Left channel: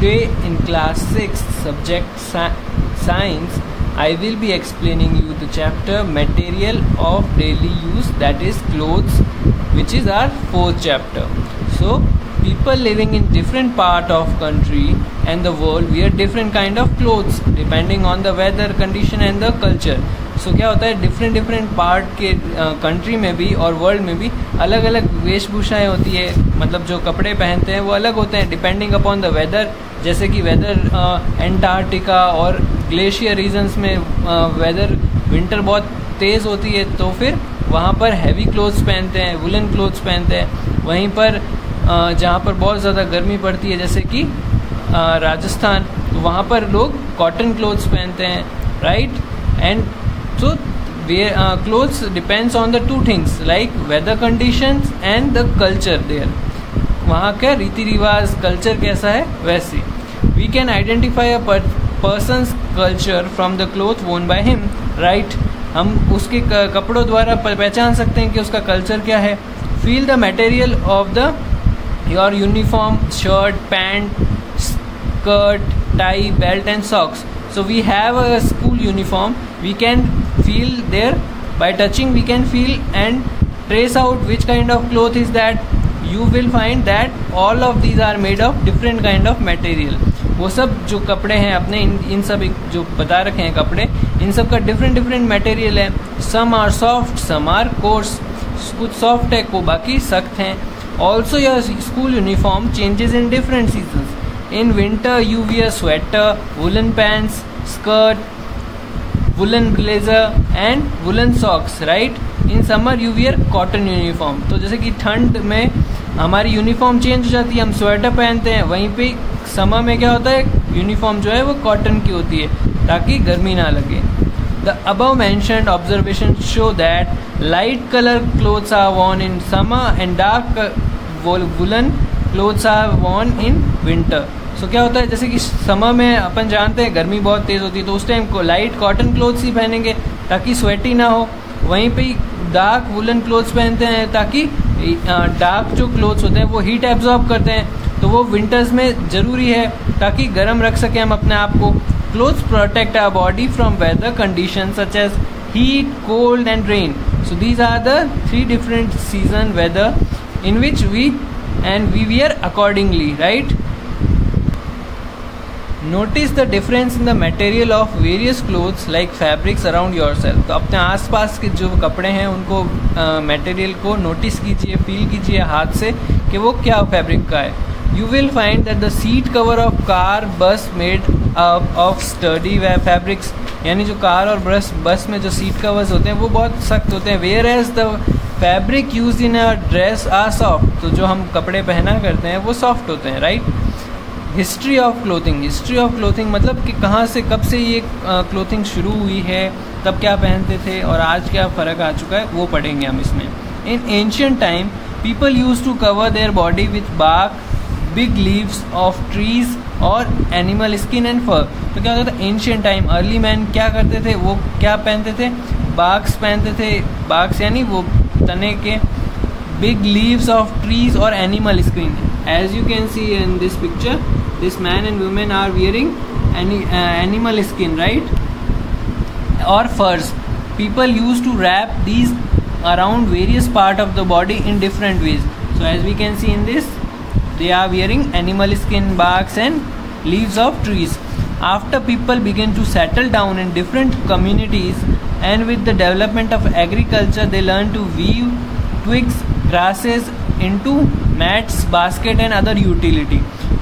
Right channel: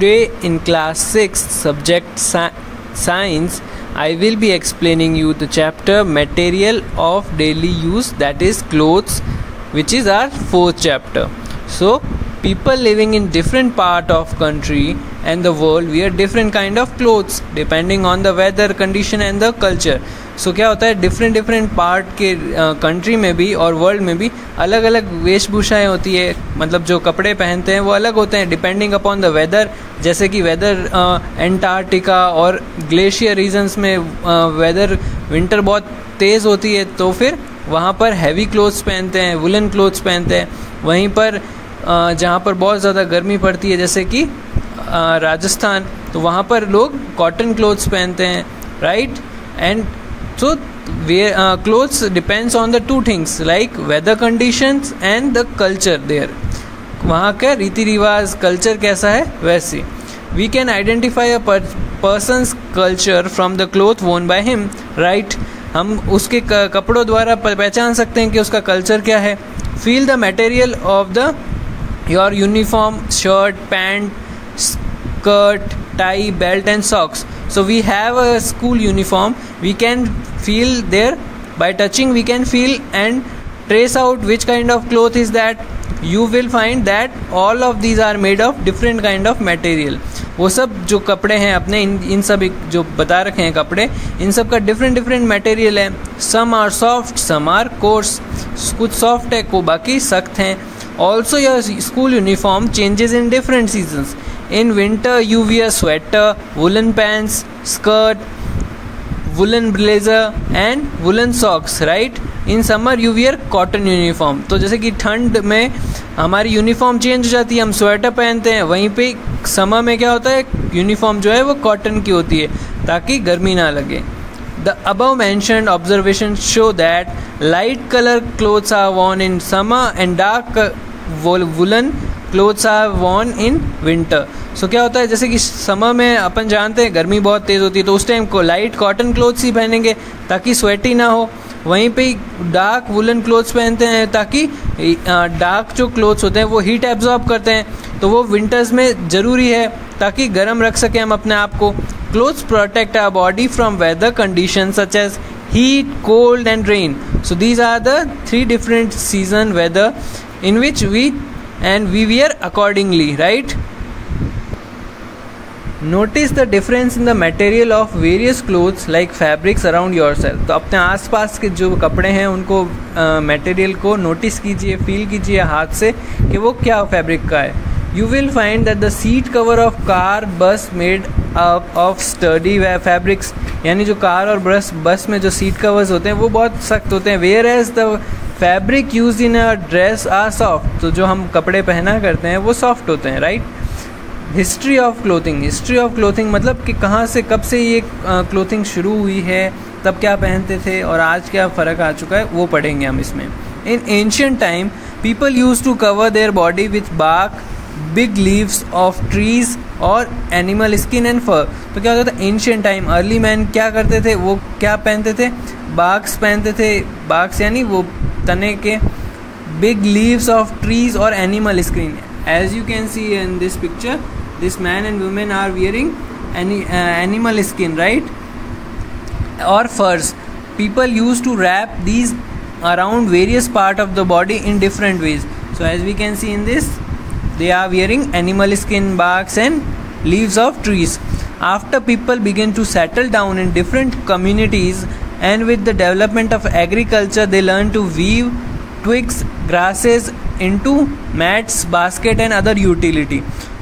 Today in class 6 subject science, I will be explaining you the chapter material of daily use, that is clothes, which is our fourth chapter. So people living in different part of country and the world wear different kind of clothes depending on the weather condition and the culture. So क्या होता है, different part के country में भी और world में भी अलग अलग वेशभूषाएं होती है. मतलब जो कपड़े पहनते हैं वो अलग होते हैं डिपेंडिंग अपॉन द वेदर. जैसे कि वेदर एंटार्क्टिका और ग्लेशियर रीजन्स में वेदर विंटर बहुत तेज़ होती है, तो फिर वहाँ पर हैवी क्लोथ्स पहनते हैं, वुलन क्लोथ्स पहनते हैं. वहीं पर जहाँ पर बहुत ज़्यादा गर्मी पड़ती है जैसे कि राजस्थान, तो वहाँ पर लोग कॉटन क्लोथ्स पहनते हैं, right. And so clothes depends on the two things like weather conditions and the culture there. वहाँ का रीति रिवाज कल्चर कैसा है वैसी. We can identify a person's culture from the cloth worn by him, right. हम उसके कपड़ों द्वारा पहचान सकते हैं कि उसका कल्चर क्या है. Feel the material of the your uniform, shirt, pant, skirt, tie, belt and socks. So we have a school uniform. We can feel there by touching. We can feel and trace out which kind of cloth is that. You will find that all of these are made of different kind of material. वो सब जो कपड़े हैं अपने इन सब जो बता रखे हैं कपड़े, इन सब का डिफरेंट मटेरियल है. Some are soft, some are coarse. कुछ सॉफ्ट है, को बाकी सख्त हैं. Also your school uniform changes in different seasons. In winter you wear sweater, woolen pants, skirt, woolen blazer and woolen socks, right. In summer you wear cotton uniform. तो जैसे कि ठंड में हमारी यूनिफॉर्म चेंज हो जाती है, हम स्वेटर पहनते हैं. वहीं पे समर में क्या होता है, यूनिफॉर्म जो है वो कॉटन की होती है ताकि गर्मी ना लगे. The above mentioned observations show that light color clothes are worn in summer and dark woolen clothes are worn in winter. सो क्या होता है, जैसे कि समर में अपन जानते हैं गर्मी बहुत तेज़ होती है, तो उस टाइम को लाइट कॉटन क्लोथ्स ही पहनेंगे ताकि स्वेटी ना हो. वहीं पे डार्क वुलन क्लोथ्स पहनते हैं ताकि डार्क जो क्लोथ्स होते हैं वो हीट एब्जॉर्ब करते हैं, तो वो विंटर्स में ज़रूरी है ताकि गर्म रख सकें हम अपने आप को. Clothes protect our body from weather condition such as heat, cold and rain. So these are the 3 different season weather in which we wear accordingly, right. Notice the difference in the material of various clothes like fabrics around yourself. तो अपने आसपास के जो कपड़े हैं उनको material को notice कीजिए, फील कीजिए हाथ से कि वो क्या फैब्रिक का है. You will find that the seat cover of car, bus made of sturdy fabrics. यानी जो कार और बस में जो सीट कवर्स होते हैं वो बहुत सख्त होते हैं. Whereas the fabric used in a dress are soft. तो जो हम कपड़े पहना करते हैं वो सॉफ्ट होते हैं, राइट. हिस्ट्री ऑफ क्लोथिंग मतलब कि कहाँ से कब से ये क्लोथिंग शुरू हुई है, तब क्या पहनते थे और आज क्या फ़र्क आ चुका है वो पढ़ेंगे हम इसमें. In ancient time people use to cover their body with bark, big leaves of trees और एनिमल स्किन एंड फर. तो क्या होता था एंशियंट टाइम, अर्ली मैन क्या करते थे, वो क्या पहनते थे, बार्क्स पहनते थे. बार्क्स यानी वो तने के, बिग लीव्स ऑफ ट्रीज और animal skin. As you can see in this picture, this man and woman are wearing animal skin, right, or furs. People used to wrap these around various part of the body in different ways. So as we can see in this, they are wearing animal skin, barks and leaves of trees. After people began to settle down in different communities and with the development of agriculture, they learned to weave twigs, grasses into mats, basket and other utility.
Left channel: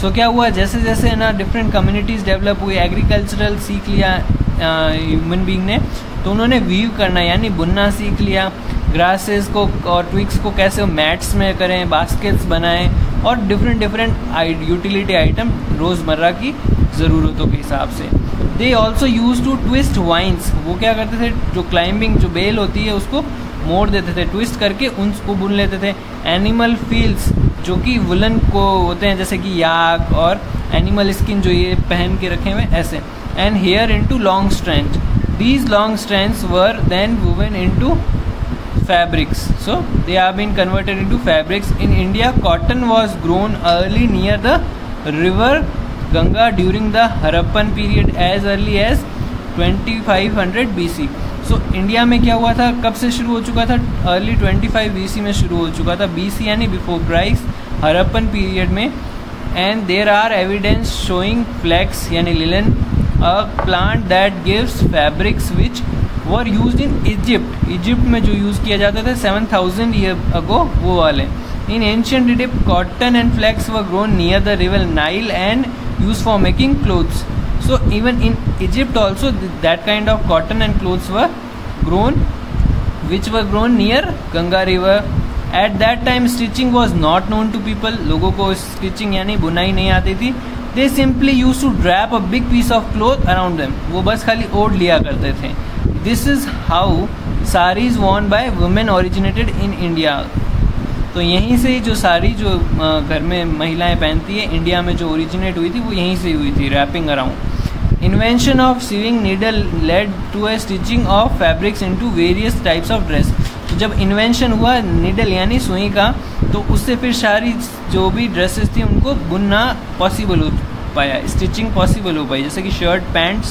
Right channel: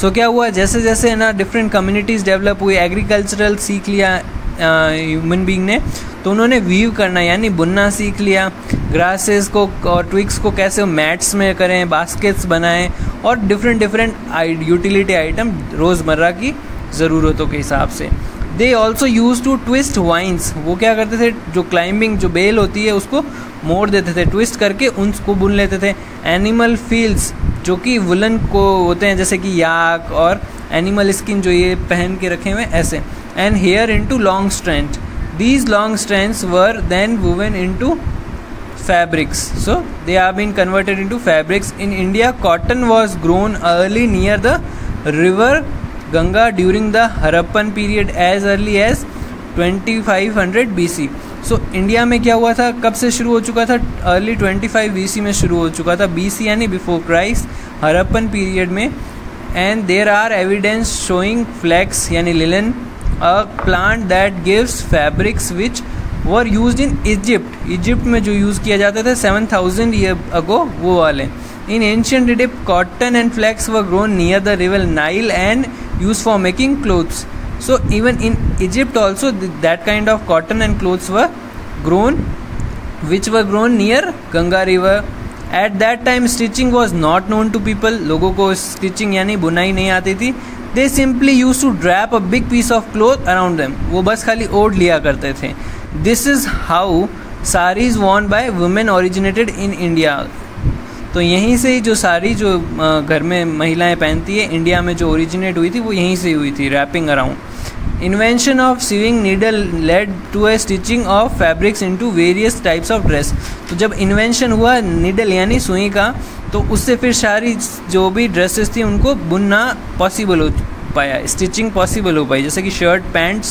So क्या हुआ, जैसे जैसे ना different communities develop हुई, agricultural सीख लिया human being ने, तो उन्होंने वीव करना यानी बुनना सीख लिया. ग्रासेस को और ट्विग्स को कैसे मैट्स में करें, बास्केट्स बनाएं और डिफरेंट यूटिलिटी आइटम रोज़मर्रा की ज़रूरतों के हिसाब से. They also use to twist vines. वो क्या करते थे, जो क्लाइंबिंग जो बेल होती है उसको मोड़ देते थे, ट्विस्ट करके उनको बुन लेते थे. एनिमल फील्स जो कि वुलन को होते हैं जैसे कि याक, और एनिमल स्किन जो ये पहन के रखे हुए ऐसे. And hair into long strand. These long strands were then woven into fabrics. So they have been converted into fabrics. In India, cotton was grown early near the river Ganga during the Harappan period as early as 2500 BC. So India में क्या हुआ था, कब से शुरू हो चुका था? अर्ली 25 BC में शुरू हो चुका था. BC यानी बिफोर क्राइस्ट, हरप्पन पीरियड में. And there are evidence showing flax यानी linen, a plant that gives fabrics which were used in Egypt. Egypt में जो यूज़ किया जाता था 7000 ईयर अगो, वो वाले. In ancient Egypt, cotton and flax were grown near the river Nile and used for making clothes. So even in Egypt also that kind of cotton and clothes were grown, which were grown near Ganga river. At that time stitching was not known to people. लोगों को stitching यानी बुनाई नहीं आती थी. They simply used to wrap a big piece of cloth around them. वो बस खाली ओढ़ लिया करते थे. This is how saris worn by women originated in India. तो यहीं से ही जो साड़ी जो घर में महिलाएं पहनती है, इंडिया में जो ओरिजिनेट हुई थी वो यहीं से हुई थी, wrapping around. Invention of sewing needle led to a stitching of fabrics into various types of dress. तो जब इन्वेंशन हुआ नीडल यानी सुई का, तो उससे फिर सारी जो भी ड्रेसेस थी उनको बुनना पॉसिबल हो पाया, स्टिचिंग पॉसिबल हो पाई, जैसे कि shirt, pants,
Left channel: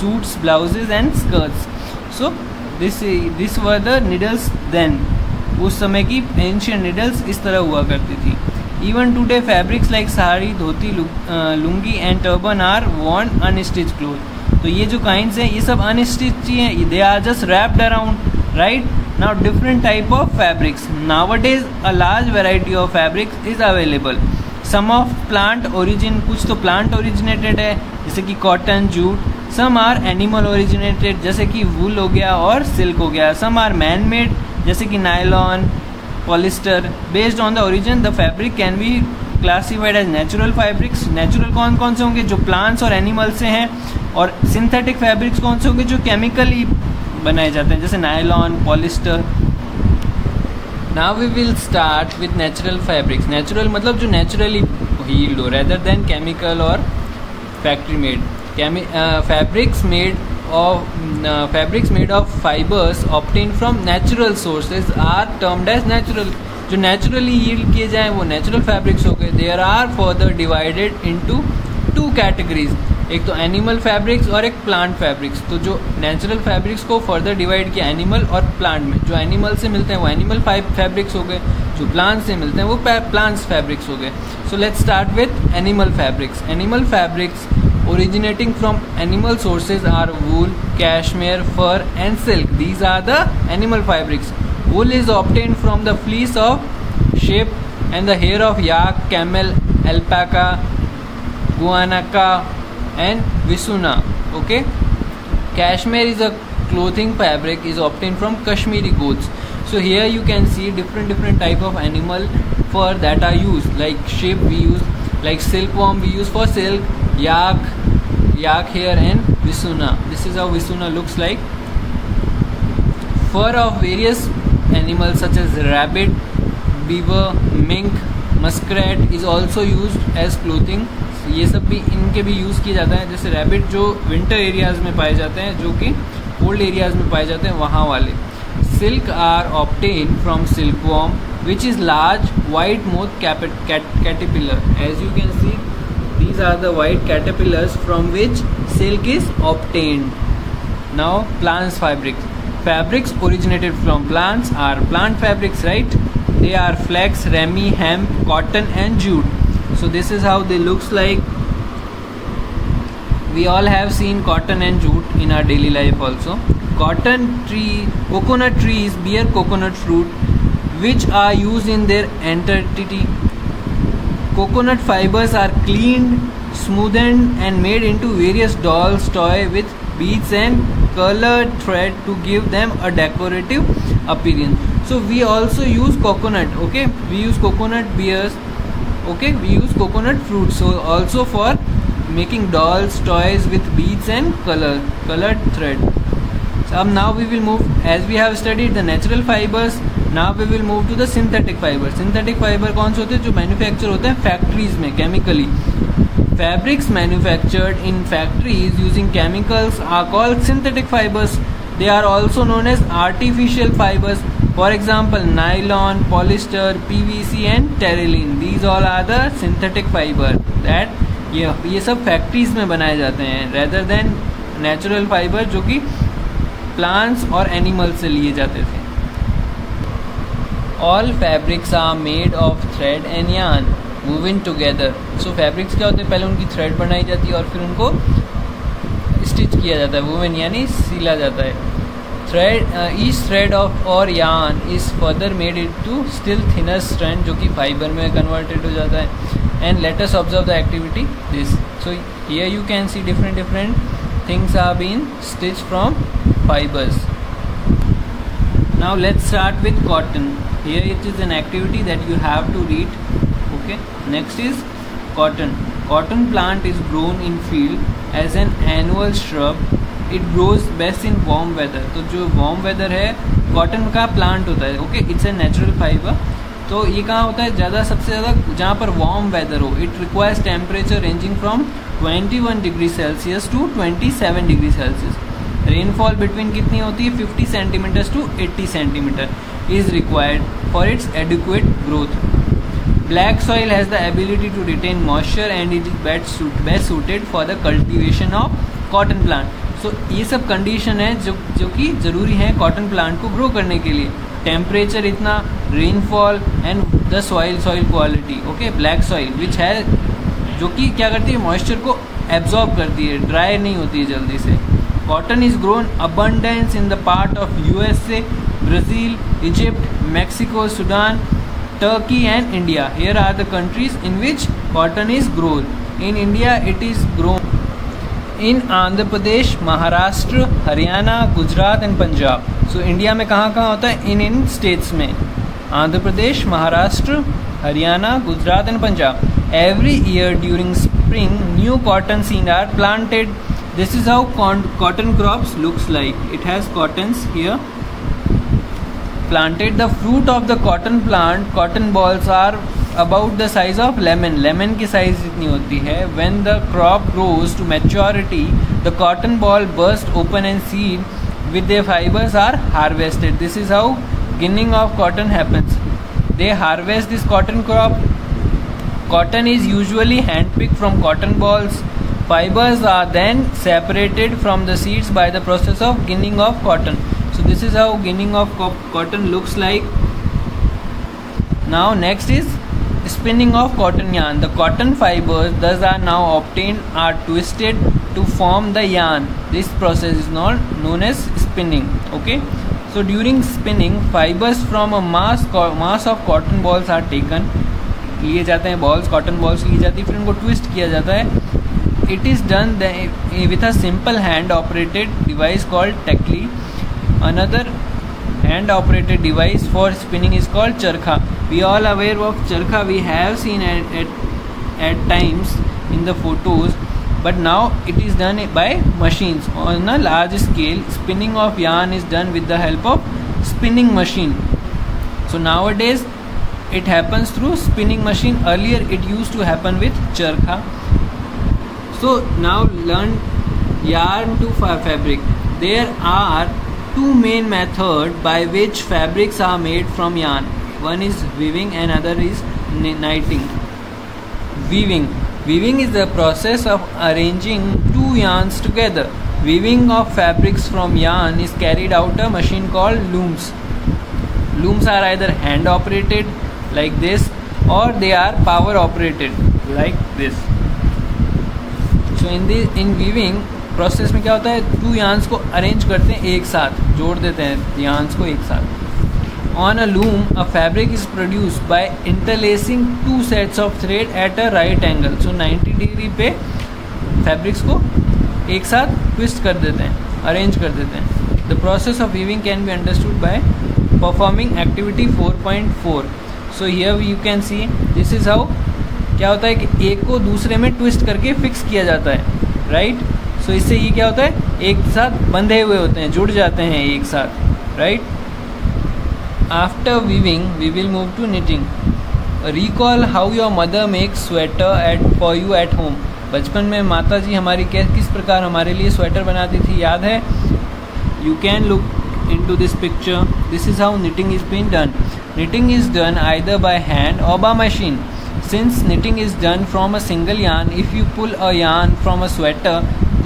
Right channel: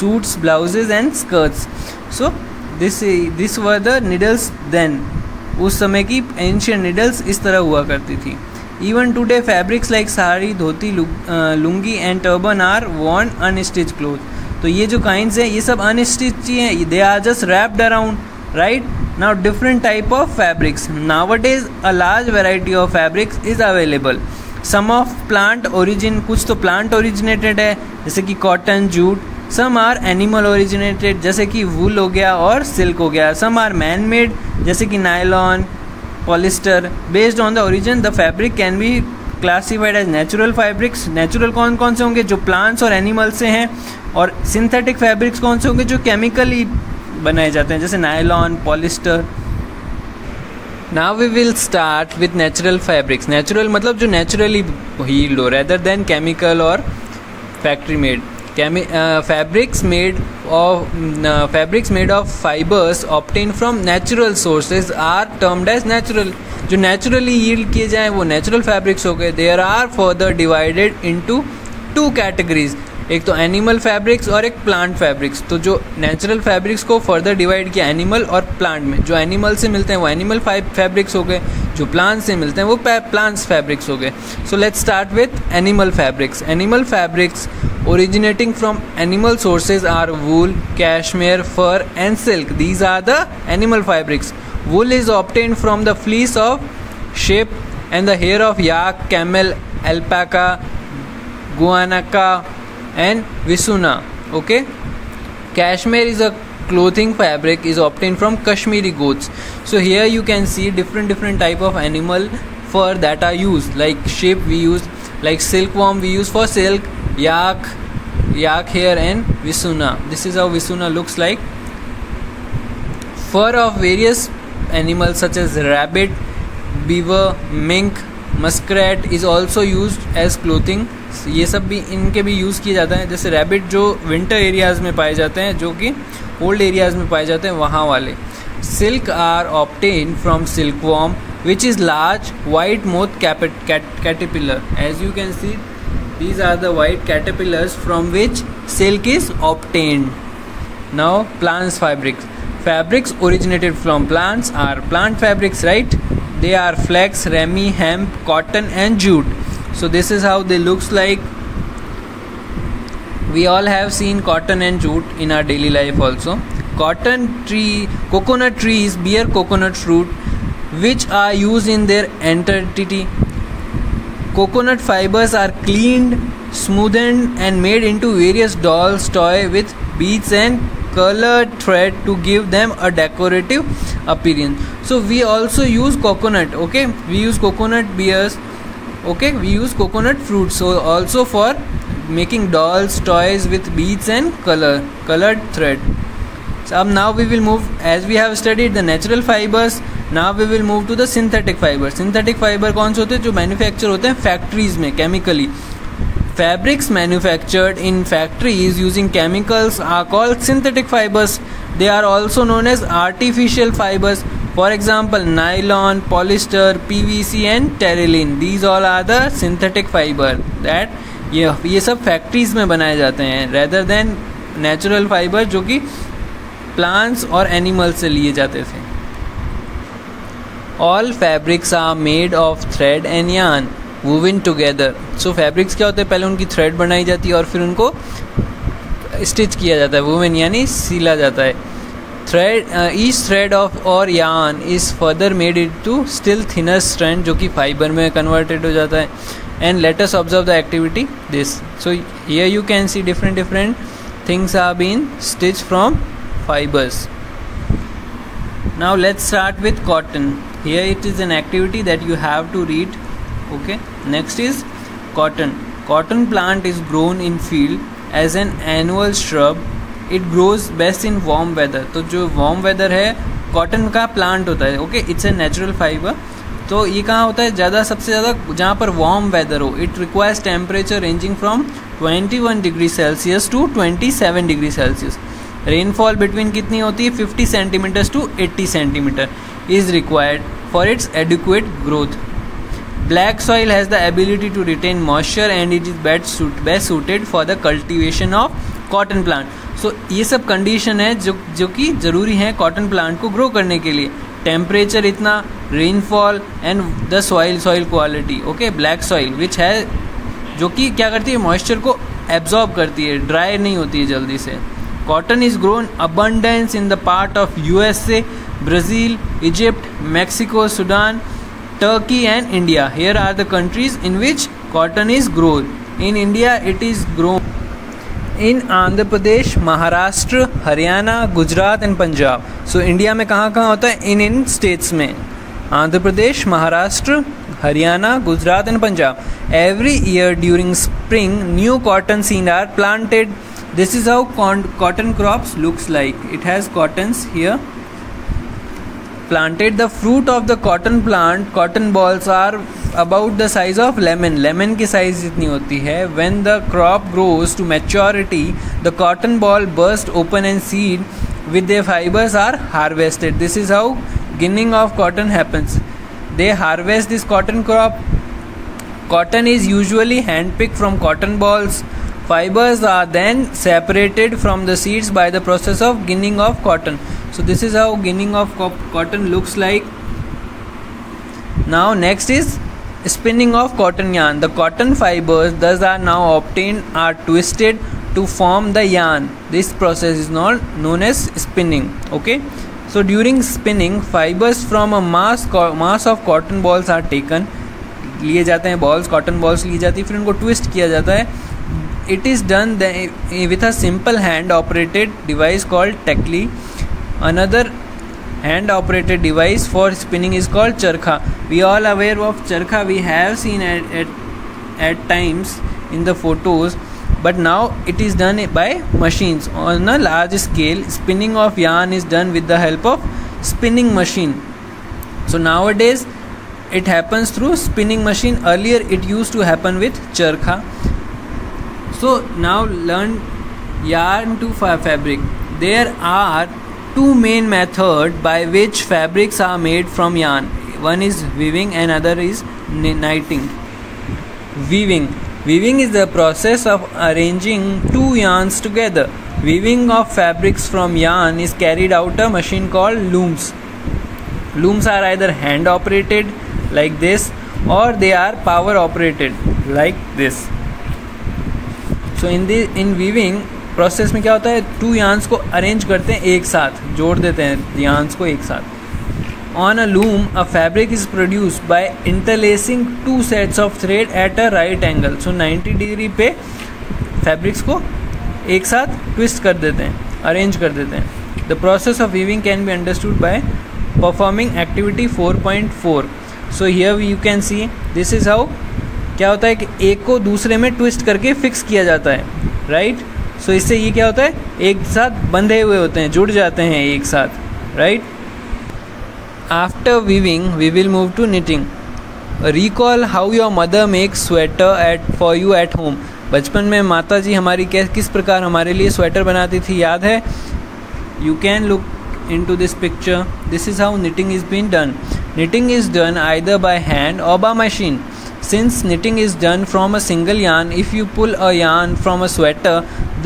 suits, blouses and skirts. So this were the needles then. उस समय की एंशियंट नीडल्स इस तरह हुआ करती थी. Even today fabrics like sari, dhoti, lungi and turban are worn unstitch cloth. तो ये जो काइंड्स हैं ये सब अनस्टिच ही हैं, they are just wrapped around, right. Now different type of fabrics. Nowadays a large variety of fabrics is available. Some of plant origin, कुछ तो प्लांट ओरिजिनेटेड है जैसे कि cotton, jute. Some are animal originated जैसे कि वूल हो गया और सिल्क हो गया. सम आर मैन मेड जैसे कि nylon, polyester. Based on the origin the fabric can be classified as natural fabrics. Natural कौन कौन से होंगे? जो प्लांट्स और एनिमल्स से हैं. और सिंथेटिक फैब्रिक्स कौन से होंगे? जो केमिकली बनाए जाते हैं, जैसे nylon, polyester. Now we will start with natural fabrics. Natural मतलब जो नेचुरली हील्ड हो, रेदर देन केमिकल और factory made. Fabrics made of fibers obtained from natural sources are termed as natural. जो naturally yield किए जाएं वो natural fabrics हो गए. There are further divided into two categories. एक तो एनिमल फैब्रिक्स और एक प्लांट फैब्रिक्स. तो जो नेचुरल फैब्रिक्स को फर्दर डिवाइड किया एनिमल और प्लांट में. जो एनिमल से मिलते हैं वो एनिमल फैब्रिक्स हो गए, जो प्लांट से मिलते हैं वो प्लांट्स फैब्रिक्स हो गए. So let's start with animal fabrics. Animal fabrics originating from animal sources are wool, cashmere, fur and silk. These are the animal fabrics. Wool is obtained from the fleece of sheep and the hair of yak, camel, alpaca, guanaca and visuna. Okay. Cashmere is a clothing fabric is obtained from Kashmiri goats. So here you can see different type of animal fur that are used. Like sheep we use, like silkworm we use for silk, yak hair and visuna. This is how visuna looks like. Fur of various animals such as rabbit, beaver, mink, muskrat is also used as clothing. ये सब भी इनके भी use किया जाता है. जैसे rabbit जो विंटर एरियाज़ में पाए जाते हैं, जो कि कोल्ड एरियाज़ में पाए जाते हैं, वहाँ वाले. Silk are obtained from silkworm, which is large white moth caterpillar. As you can see, these are the white caterpillars from which silk is obtained. Now plants fabrics. Fabrics originated from plants are plant fabrics, right? They are flax, rami, hemp, cotton and jute. So this is how they looks like. We all have seen cotton and jute in our daily life also. Coconut trees bear coconut fruit, which are used in their entirety. Coconut fibers are cleaned, smoothened and made into various dolls, toy with beads and colored thread to give them a decorative appearance. So we also use coconut. Okay, we use coconut beers. Okay, we use coconut fruit. So also for making dolls, toys with beads and colored thread. So now we will move, as we have studied the natural fibers, now we will move to the synthetic fibers. Synthetic fiber कौन से होते हैं? जो manufacture होते हैं factories में chemically. Fabrics manufactured in factories using chemicals are called synthetic fibers. They are also known as artificial fibers. For example, nylon, polyester, PVC and terylene. These all are the synthetic fiber that ये सब factories में बनाए जाते हैं rather than natural fibre जो कि plants और animals से लिए जाते थे. All fabrics are made of thread and yarn woven together. So fabrics क्या होते हैं, पहले उनकी थ्रेड बनाई जाती है और फिर उनको स्टिच किया जाता है. वूवन यानी सिला जाता है. थ्रेड ईच थ्रेड ऑफ और yarn is further made into still thinner strand जो कि फाइबर में कन्वर्टेड हो जाता है. And let us observe the activity this. So here you can see different things are being stitched from fibers. Now let's start with cotton. Here it is an activity that you have to read. Okay, next is cotton. Cotton plant is grown in field as an annual shrub. It grows best in warm weather. तो जो warm weather है cotton का plant होता है. Okay, it's a natural fiber. तो ये कहाँ होता है ज़्यादा, सबसे ज़्यादा जहाँ पर वार्म वेदर हो. It requires temperature ranging from 21 degree Celsius to 27 degree Celsius. Rainfall between कितनी होती है, 50 centimetres to 80 centimetre is required for its adequate growth. Black soil has the ability to retain moisture and it is best suited for the cultivation of cotton plant. So ये सब condition है जो कि ज़रूरी है कॉटन प्लांट को grow करने के लिए. टेम्परेचर इतना, rainfall and the soil quality. Okay, black soil which है जो कि क्या करती है, मॉइस्चर को एब्जॉर्ब करती है, ड्राई नहीं होती है जल्दी से. Cotton is grown abundance in the part of USA, Brazil, Egypt, Mexico, Sudan, Turkey and India. Here are the countries in which cotton is grown. इन India it is grown in Andhra Pradesh, Maharashtra, Haryana, Gujarat and Punjab. So India में कहाँ कहाँ होता है, इन states में Andhra Pradesh, Maharashtra, Haryana, Gujarat and Punjab. Every year during spring new cotton seed are planted. This is how cotton crops looks like. It has cottons here planted. The fruit of the cotton plant, cotton balls are about the size of lemon की size इतनी होती है. When the crop grows to maturity, the cotton ball burst open and seed with their fibers are harvested. This is how ginning of cotton happens. They harvest this cotton crop. Cotton is usually hand-picked from cotton balls. Fibers are then separated from the seeds by the process of ginning of cotton. So this is how ginning of cotton looks like. Now next is spinning of cotton yarn. The cotton fibers thus are now obtained are twisted to form the yarn. This process is known as spinning. Okay. So during spinning, fibers from a mass of cotton balls are taken. लिए जाते हैं balls, cotton balls ली जाती है, फिर उनको twist किया जाता है. It is done with a simple hand operated device called tekli. Another hand operated device for spinning is called charkha. We all aware of charkha. We have seen at times in the photos, but now it is done by machines. On a large scale, spinning of yarn is done with the help of spinning machine. So nowadays it happens through spinning machine. Earlier it used to happen with charkha. So now learn yarn to fabric. There are two main methods by which fabrics are made from yarn. One is weaving and other is knitting. Weaving is the process of arranging two yarns together. Weaving of fabrics from yarn is carried out a machine called looms. Looms are either hand operated like this or they are power operated like this. So in weaving process में क्या होता है, to yarns को arrange करते हैं, एक साथ जोड़ देते हैं यार्न्स को एक साथ. On a loom a fabric is produced by interlacing two sets of thread at a right angle. So 90 degree पे फैब्रिक्स को एक साथ ट्विस्ट कर देते हैं, अरेंज कर देते हैं. The process of weaving can be understood by performing activity 4.4. So here you can see this is how क्या होता है कि एक को दूसरे में ट्विस्ट करके फिक्स किया जाता है, राइट. सो इससे ये क्या होता है, एक साथ बंधे हुए होते हैं, जुड़ जाते हैं एक साथ, right. After weaving we will move to knitting. Recall how your mother makes sweater for you at home. बचपन में माता जी हमारी किस प्रकार हमारे लिए स्वेटर बनाती थी, याद है. You can look into this picture. This is how knitting is being done. Knitting is done either by hand or by machine. since knitting is done from a single yarn, if you pull a yarn from a sweater,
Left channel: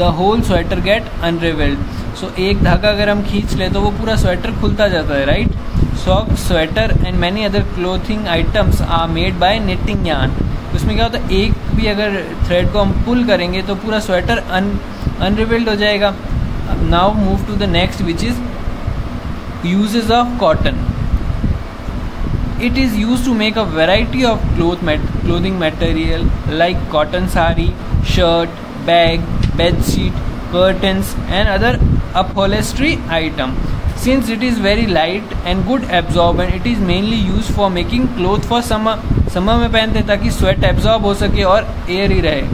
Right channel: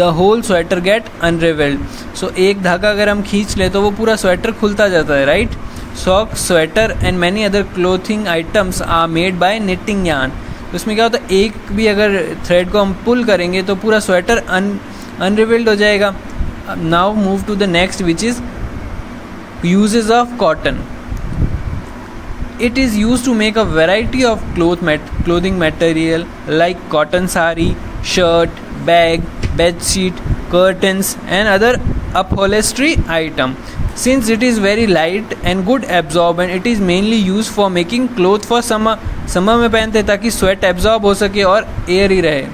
the whole sweater get unraveled. So एक धागा अगर हम खींच ले तो वो पूरा sweater खुलता जाता है, right. Socks, sweater and many other clothing items are made by knitting yarn. उसमें क्या होता है, एक भी अगर थ्रेड को हम पुल करेंगे तो पूरा स्वेटर अनरिवेल्ड हो जाएगा. Now move to the next which is uses of cotton. It is used to make a variety of clothing material like cotton sari, shirt, bag, bed sheet, curtains and other upholstery item. Since it is very light and good absorbent, it is mainly used for making cloth for summer. Summer में पहनते हैं ताकि sweat absorb हो सके और air ही रहे.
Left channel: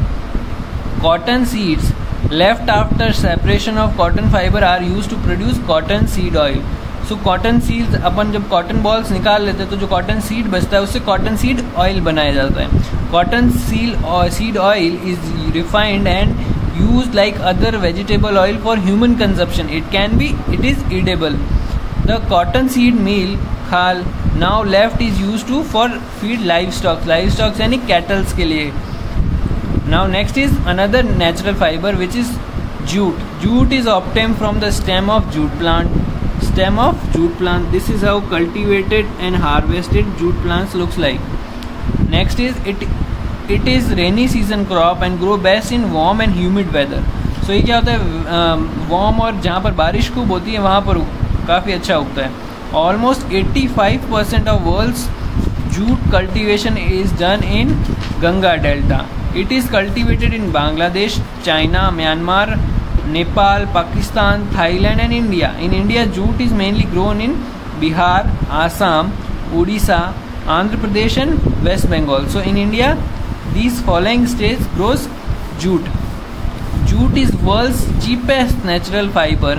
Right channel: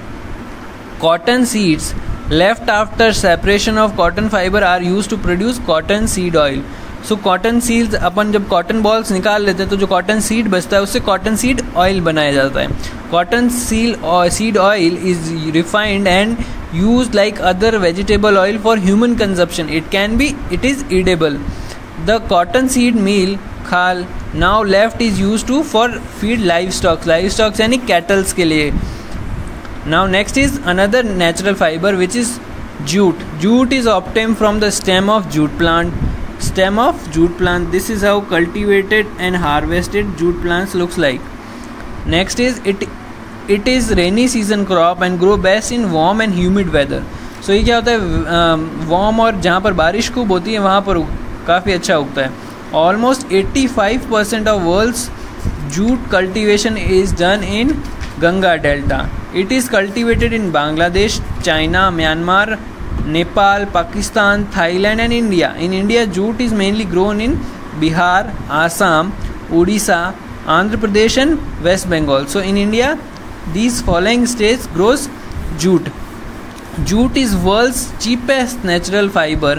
Cotton seeds left after separation of cotton fiber are used to produce cotton seed oil. So cotton seeds, अपन जब कॉटन बॉल्स निकाल लेते हैं तो जो कॉटन सीड बचता है उससे कॉटन सीड ऑयल बनाया जाता है. Cotton seed oil is refined and use like other vegetable oil for human consumption. It is edible. The cotton seed meal खाल now left is use to for feed livestocks यानी cattles के लिए. Now next is another natural fibre which is jute. Jute is obtained from the stem of jute plant. This is how cultivated and harvested jute plants looks like. Next is it is rainy season crop and grow best in warm and humid weather. So ये क्या होता है, warm और जहाँ पर बारिश खूब होती है वहाँ पर काफ़ी अच्छा उगता है. Almost 85% of world's jute cultivation is done in Ganga Delta. It is cultivated in Bangladesh, China, Myanmar, Nepal, Pakistan, Thailand and India. In India, jute is mainly grown in Bihar, Assam, Odisha, Andhra Pradesh and West Bengal. So in India, these following states grows jute. Jute is world's cheapest natural fiber.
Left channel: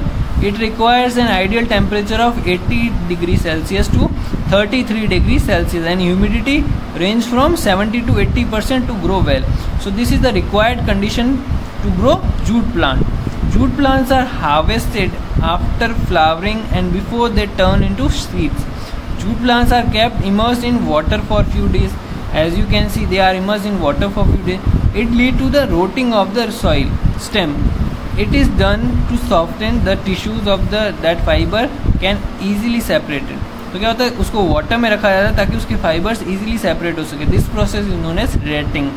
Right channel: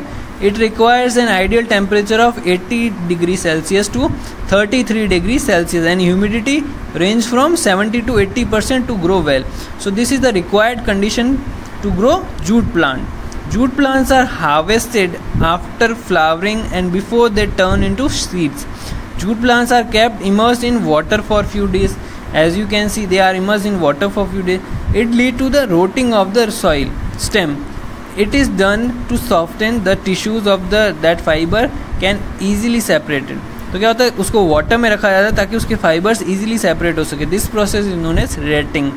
It requires an ideal temperature of 80 degrees Celsius to 33 degrees Celsius and humidity range from 70 to 80% to grow well. So this is the required condition to grow jute plant. Jute plants are harvested after flowering and before they turn into seeds. Jute plants are kept immersed in water for few days. As you can see, they are immersed in water for few days. It leads to the rotting of the soil stem. It is done to soften the tissues of that fiber can easily separated. तो क्या होता है, उसको water में रखा जाता है ताकि उसके फाइबर्स इजीली सेपरेट हो सके. This process is known as retting.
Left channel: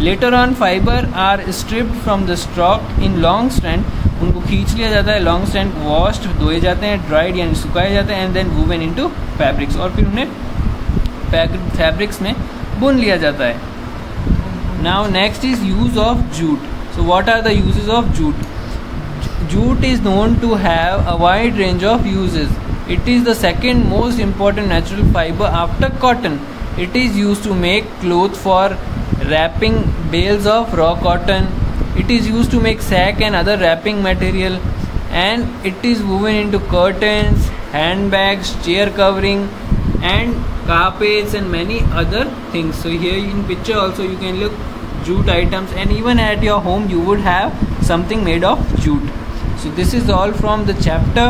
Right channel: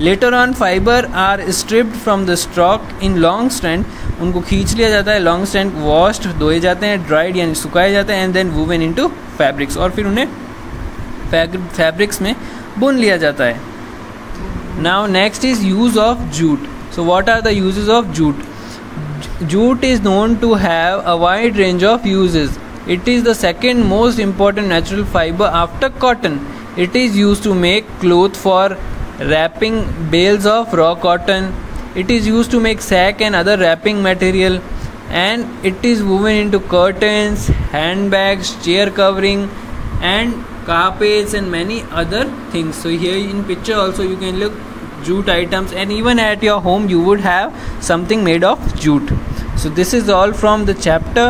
Later on fibre are stripped from the stalk in long strand. उनको खींच लिया जाता है, लॉन्ग स्ट्रैंड वॉश्ड धोए जाते हैं, ड्राइड यानी सुखाए जाते हैं and then woven into fabrics. और फिर उन्हें फैब्रिक्स में बुन लिया जाता है. Now next is use of jute. So what are the uses of jute? Jute is known to have a wide range of uses. It is the second most important natural fiber after cotton. It is used to make cloth for wrapping bales of raw cotton. It is used to make sack and other wrapping material, and it is woven into curtains, handbags, chair covering and carpets and many other things. So here in picture also you can look jute items, and even at your home you would have something made of jute. So this is all from the chapter.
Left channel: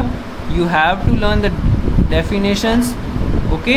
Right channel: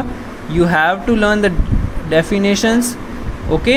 You have to learn the definitions. Okay.